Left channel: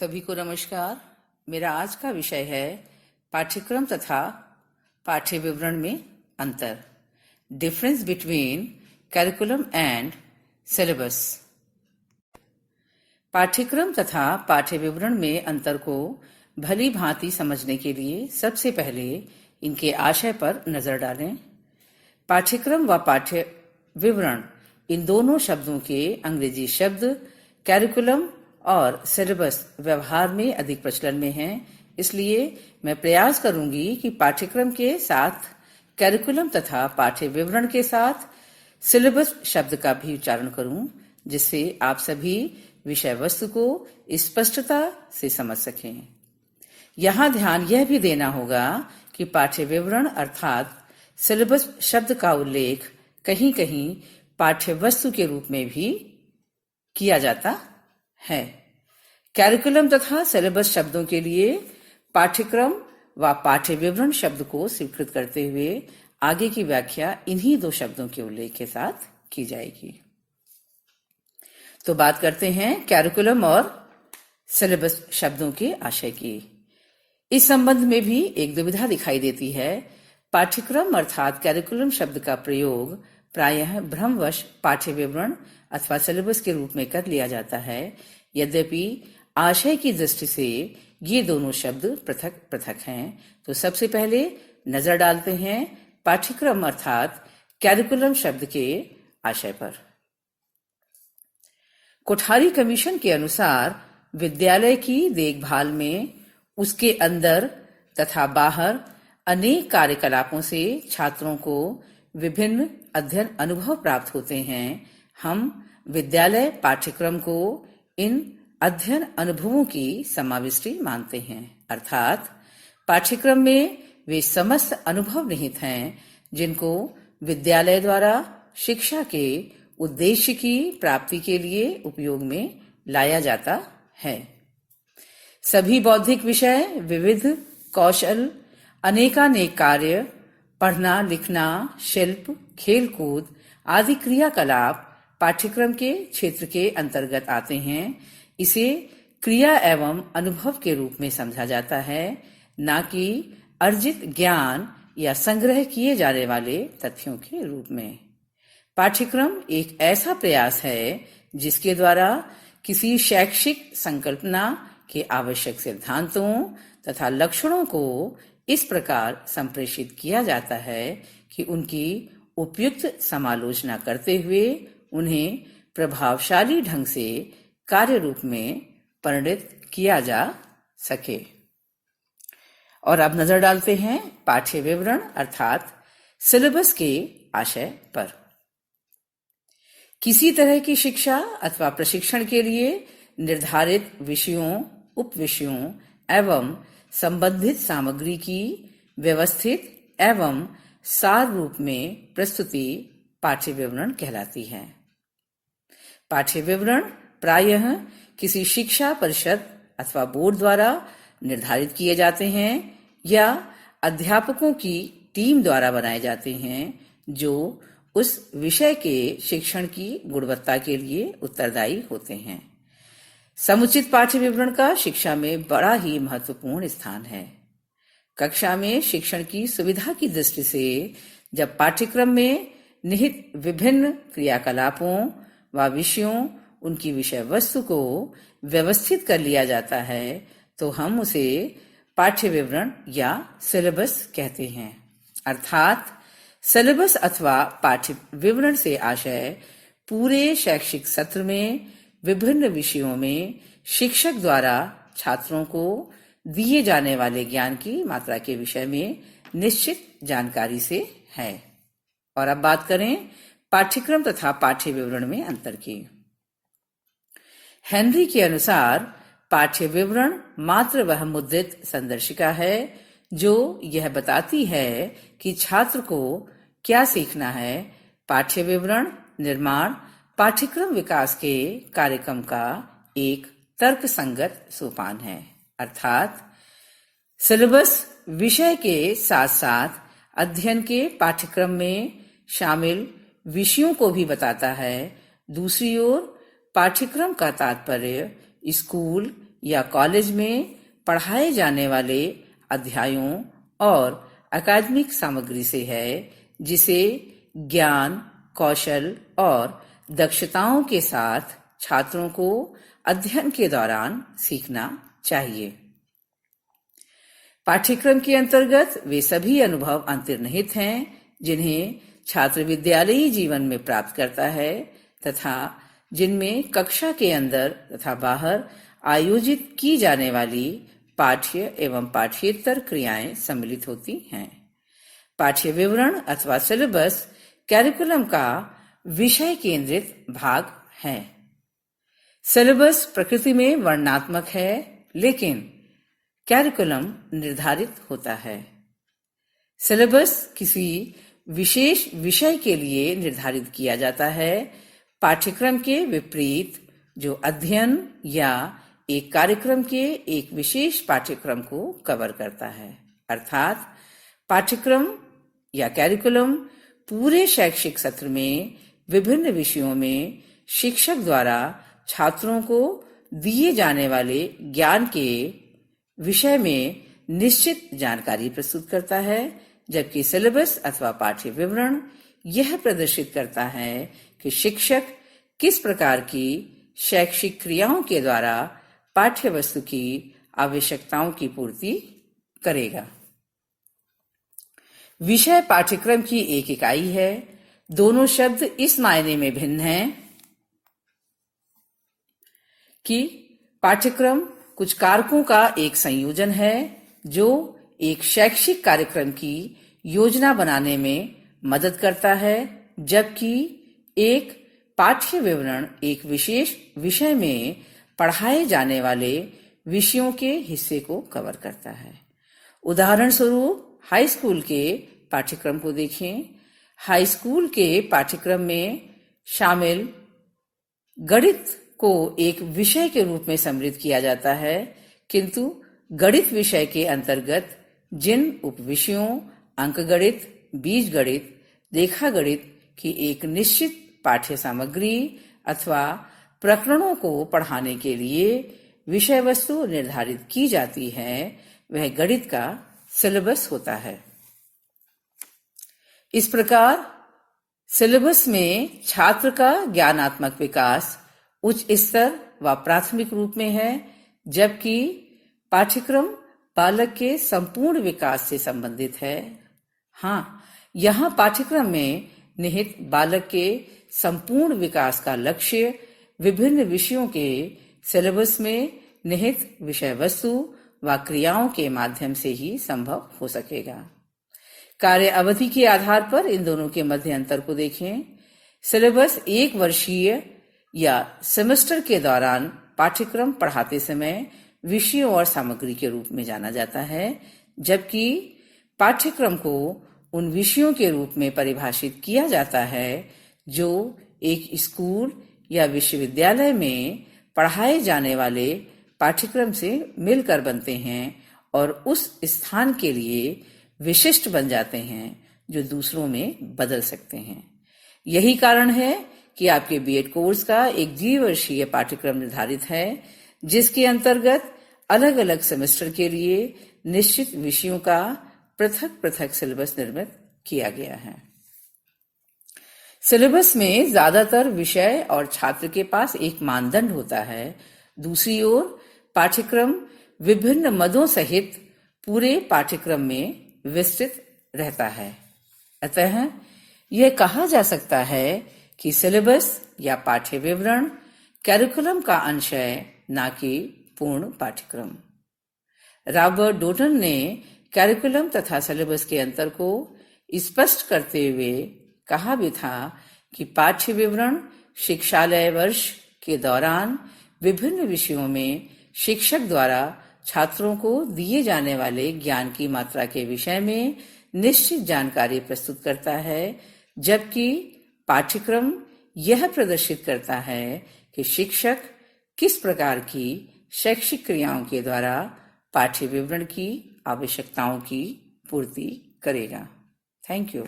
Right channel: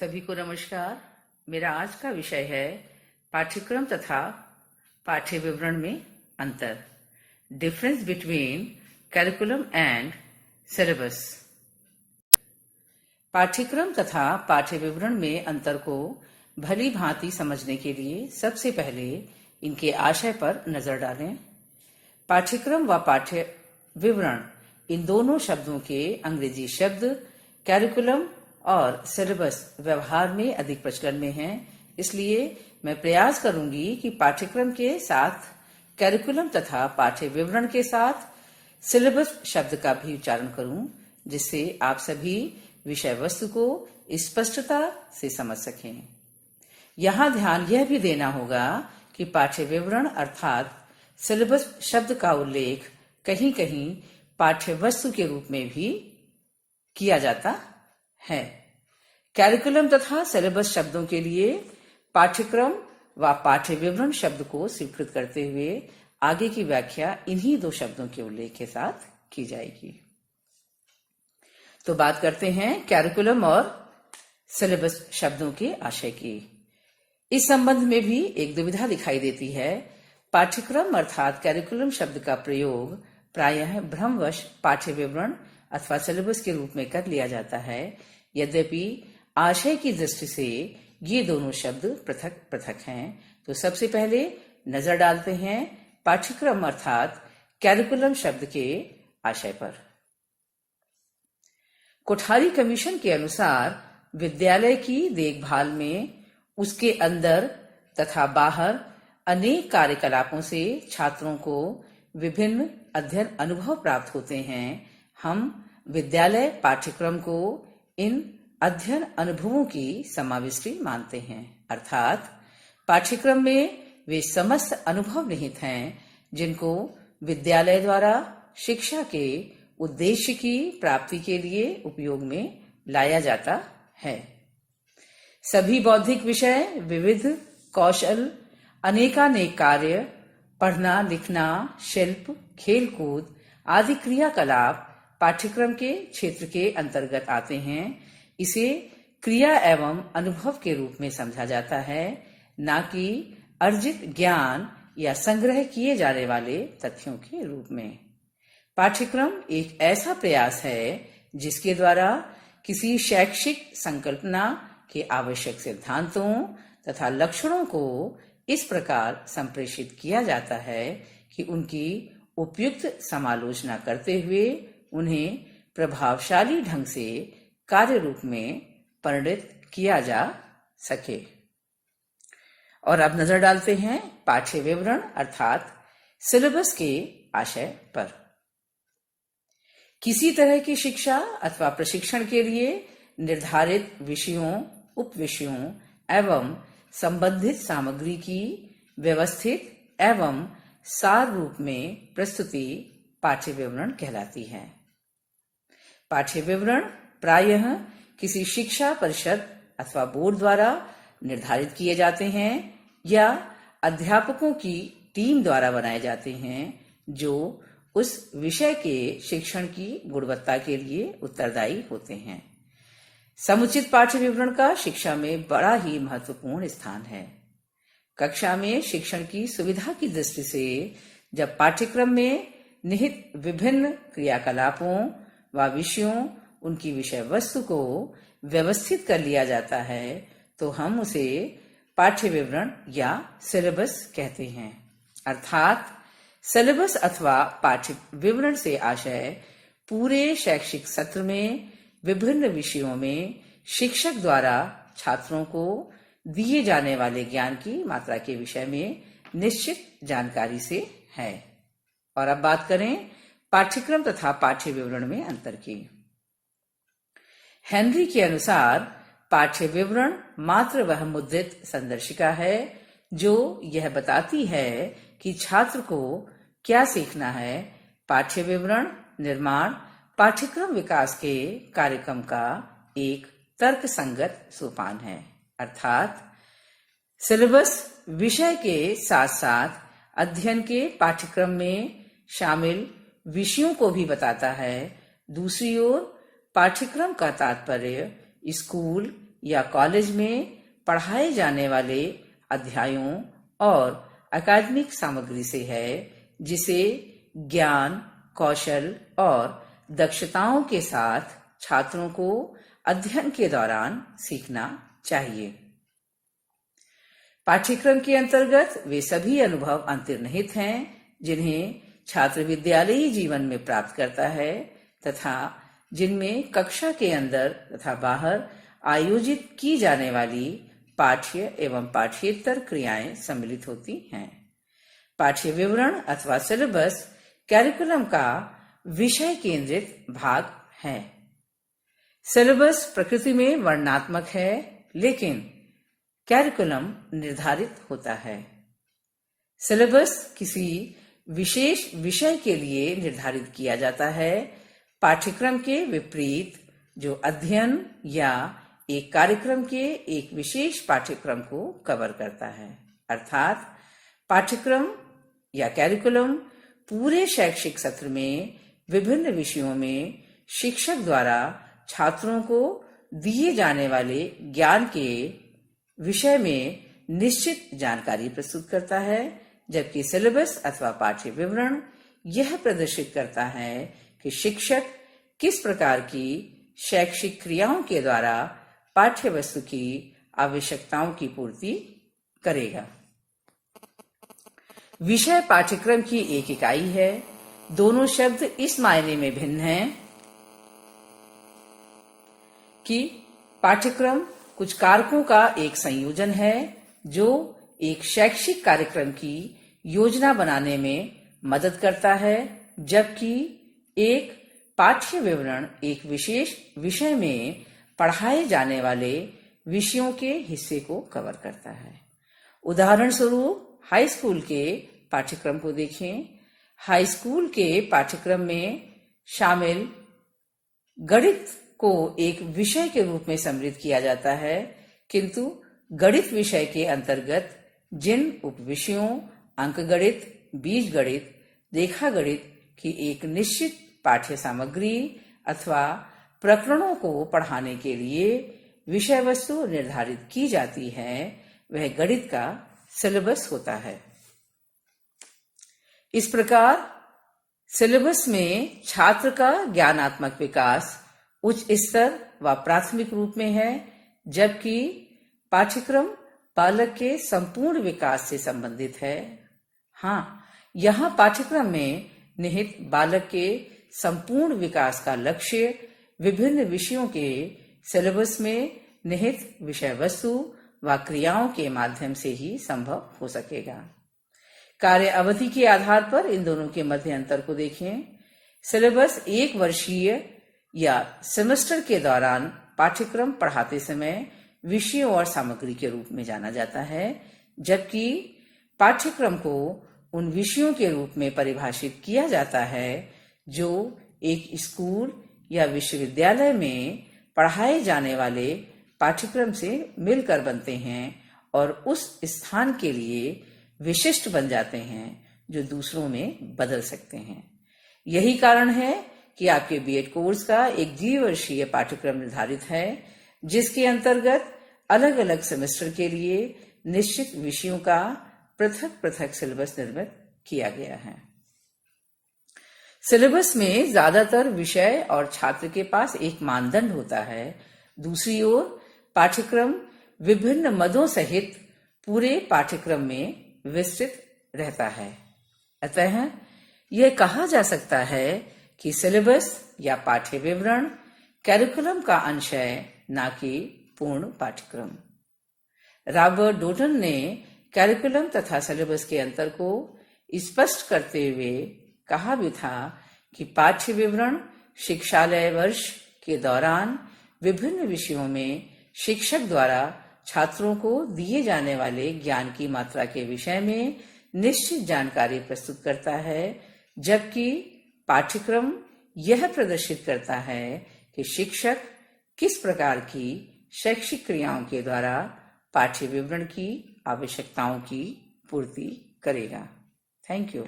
सभी को नमस्कार। मेरा आज का विषय है पाठ्यक्रम तथा पाठ्य विवरण में अंतर, difference between curriculum and syllabus. पाठ्यक्रम तथा पाठ्य विवरण में अंतर को भली भांति समझने के लिए सबसे पहले इनके आशय पर नजर डालें। पाठ्यक्रम व पाठ्य विवरण इन दोनों शब्दों के अंग्रेजी शब्द करिकुलम और सिलेबस व्यवहार में अधिक प्रचलन में हैं, इसलिए मैं प्रयास करूंगी कि पाठ्यक्रम के साथ करिकुलम तथा पाठ्य विवरण के साथ सिलेबस शब्द का भी उच्चारण करूं, जिससे आप सभी विषय वस्तु को स्पष्टता से समझ सकें। यहाँ ध्यान यह भी देना होगा कि पाठ्य विवरण अर्थात सिलेबस शब्द का उल्लेख कहीं कहीं पाठ्य वस्तु के रूप में भी किया जाता है। करिकुलम तथा सिलेबस शब्दों के लिए पाठ्यक्रम व पाठ्य विवरण शब्द को स्वीकृत करते हुए आगे की व्याख्या इन्हीं दो शब्दों के उल्लेख के साथ की जाएगी। तो बात करते हैं करिकुलम और सिलेबस शब्दों के आशय की। इस संबंध में भी एक दुविधा दिखाई देती है। पाठ्यक्रम अर्थात करिकुलम शब्द का प्रयोग प्रायः भ्रमवश पाठ्य विवरण अथवा सिलेबस के रूप में कर लिया जाता है। यद्यपि आशय की दृष्टि से ये दोनों शब्द पृथक पृथक हैं। तो सबसे पहले नजर डालते हैं पाठ्यक्रम अर्थात करिकुलम शब्द के आशय पर। कोठारी कमीशन के अनुसार विद्यालय की देखभाल में उसके अंदर तथा बाहर अनेक कार्यकलापों से छात्रों को विभिन्न अध्ययन अनुभव प्राप्त होते हैं। हम विद्यालय पाठ्यक्रम को इन अध्ययन अनुभवों की समाविष्टि मानते हैं, अर्थात पाठ्यक्रम में वे समस्त अनुभव निहित हैं जिनको विद्यालय द्वारा शिक्षा के उद्देश्य की प्राप्ति के लिए उपयोग में लाया जाता है। सभी बौद्धिक विषय, विविध कौशल, अनेकानेक कार्य, पढ़ना लिखना, शिल्प, खेलकूद आदि क्रियाकलाप पाठ्यक्रम के क्षेत्र के अंतर्गत आते हैं। इसे क्रिया एवं अनुभव के रूप में समझा जाता है, न कि अर्जित ज्ञान या संग्रह किए जाने वाले तथ्यों के रूप में। पाठ्यक्रम एक ऐसा प्रयास है जिसके द्वारा किसी शैक्षिक संकल्पना के आवश्यक सिद्धांतों तथा लक्षणों को इस प्रकार संप्रेषित किया जाता है कि उनकी उपयुक्त समालोचना करते हुए उन्हें प्रभावशाली ढंग से कार्य रूप में परिणत किया जा सके। और अब नजर डालते हैं पाठ्य विवरण अर्थात सिलेबस के आशय पर। किसी तरह की शिक्षा अथवा प्रशिक्षण के लिए निर्धारित विषयों, उपविषयों एवं संबंधित सामग्री की व्यवस्थित एवं सार रूप में प्रस्तुति पाठ्य विवरण कहलाती है। पाठ्य विवरण प्रायः किसी शिक्षा परिषद अथवा बोर्ड द्वारा निर्धारित किए जाते हैं या अध्यापकों की टीम द्वारा बनाए जाते हैं जो उस विषय के शिक्षण की गुणवत्ता के लिए उत्तरदायी होते हैं। समुचित पाठ्य विवरण का शिक्षा में बड़ा ही महत्वपूर्ण स्थान है। कक्षा में शिक्षण की सुविधा की दृष्टि से जब पाठ्यक्रम में निहित विभिन्न क्रियाकलापों व विषयों, उनकी विषय वस्तु को व्यवस्थित कर लिया जाता है तो हम उसे पाठ्य विवरण या सिलेबस कहते हैं। अर्थात सिलेबस अथवा पाठ्य विवरण से आशय पूरे शैक्षिक सत्र में विभिन्न विषयों में शिक्षक द्वारा छात्रों को दिए जाने वाले ज्ञान की मात्रा के विषय में निश्चित जानकारी से है। और अब बात करें पाठ्यक्रम तथा पाठ्य विवरण में अंतर की। हेनरी के अनुसार पाठ्य विवरण मात्र वह मुद्रित संदर्शिका है जो यह बताती है कि छात्र को क्या सीखना है। पाठ्य विवरण निर्माण पाठ्यक्रम विकास के कार्यक्रम का एक तर्कसंगत सोपान है। अर्थात सिलेबस विषय के साथ साथ अध्ययन के पाठ्यक्रम में शामिल विषयों को भी बताता है। दूसरी ओर पाठ्यक्रम का तात्पर्य स्कूल या कॉलेज में पढ़ाए जाने वाले अध्यायों और अकादमिक सामग्री से है, जिसे ज्ञान, कौशल और दक्षताओं के साथ छात्रों को अध्ययन के दौरान सीखना चाहिए। पाठ्यक्रम के अंतर्गत वे सभी अनुभव अंतर्निहित हैं जिन्हें छात्र विद्यालयी जीवन में प्राप्त करता है तथा जिनमें कक्षा के अंदर तथा बाहर आयोजित की जाने वाली पाठ्य एवं पाठ्येतर क्रियाएं सम्मिलित होती हैं। पाठ्य विवरण अथवा सिलेबस कैरिकुलम का विषय केंद्रित भाग है। सिलेबस प्रकृति में वर्णनात्मक है, लेकिन कैरिकुलम निर्धारित होता है। सिलेबस किसी विशेष विषय के लिए निर्धारित किया जाता है, पाठ्यक्रम के विपरीत जो अध्ययन या एक कार्यक्रम के एक विशेष पाठ्यक्रम को कवर करता है। अर्थात पाठ्यक्रम या कैरिकुलम पूरे शैक्षिक सत्र में विभिन्न विषयों में शिक्षक द्वारा छात्रों को दिए जाने वाले ज्ञान के विषय में निश्चित जानकारी प्रस्तुत करता है, जबकि सिलेबस अथवा पाठ्य विवरण यह प्रदर्शित करता है कि शिक्षक किस प्रकार की शैक्षिक क्रियाओं के द्वारा पाठ्य वस्तु की आवश्यकताओं की पूर्ति करेगा। विषय पाठ्यक्रम की एक इकाई है। दोनों शब्द इस मायने में भिन्न हैं कि पाठ्यक्रम कुछ कारकों का एक संयोजन है जो एक शैक्षिक कार्यक्रम की योजना बनाने में मदद करता है, जबकि एक पाठ्य विवरण एक विशेष विषय में पढ़ाए जाने वाले विषयों के हिस्से को कवर करता है। उदाहरण स्वरूप हाई स्कूल के पाठ्यक्रम को देखें। हाई स्कूल के पाठ्यक्रम में शामिल गणित को एक विषय के रूप में सम्मिलित किया जाता है, किंतु गणित विषय के अंतर्गत जिन उपविषयों अंकगणित, बीजगणित, रेखागणित की एक निश्चित पाठ्य सामग्री अथवा प्रकरणों को पढ़ाने के लिए विषय वस्तु निर्धारित की जाती है, वह गणित का सिलेबस होता है। इस प्रकार सिलेबस में छात्र का ज्ञानात्मक विकास उच्च स्तर व प्राथमिक रूप में है, जबकि पाठ्यक्रम बालक के संपूर्ण विकास से संबंधित है। हाँ, यहाँ पाठ्यक्रम में निहित बालक के संपूर्ण विकास का लक्ष्य विभिन्न विषयों के सिलेबस में निहित विषय वस्तु व क्रियाओं के माध्यम से ही संभव हो सकेगा। कार्य अवधि के आधार पर इन दोनों के मध्य अंतर को देखें। सिलेबस एक वर्षीय या सेमेस्टर के दौरान पाठ्यक्रम पढ़ाते समय विषयों और सामग्री के रूप में जाना जाता है, जबकि पाठ्यक्रम को उन विषयों के रूप में परिभाषित किया जाता है जो एक स्कूल या विश्वविद्यालय में पढ़ाए जाने वाले पाठ्यक्रम से मिलकर बनते हैं और उस स्थान के लिए विशिष्ट बन जाते हैं जो दूसरों में बदल सकते हैं। यही कारण है कि आपके बीएड कोर्स का एक द्विवर्षीय पाठ्यक्रम निर्धारित है, जिसके अंतर्गत अलग अलग सेमेस्टर के लिए निश्चित विषयों का पृथक पृथक सिलेबस निर्मित किया गया है। सिलेबस में ज्यादातर विषय और छात्र के पास एक मानदंड होता है। दूसरी ओर पाठ्यक्रम विभिन्न मदों सहित पूरे पाठ्यक्रम में विस्तृत रहता है। अतः यह कहा जा सकता है कि सिलेबस या पाठ्य विवरण कैरिकुलम का अंश है, न कि पूर्ण पाठ्यक्रम। रॉबर्ट डोटन ने कैरिकुलम तथा सिलेबस के अंतर को स्पष्ट करते हुए कहा भी था कि पाठ्य विवरण शिक्षालय वर्ष के दौरान विभिन्न विषयों में शिक्षक द्वारा छात्रों को दिए जाने वाले ज्ञान की मात्रा के विषय में निश्चित जानकारी प्रस्तुत करता है, जबकि पाठ्यक्रम यह प्रदर्शित करता है कि शिक्षक किस प्रकार की शैक्षिक क्रियाओं के द्वारा पाठ्य विवरण की आवश्यकताओं की पूर्ति करेगा। Thank you.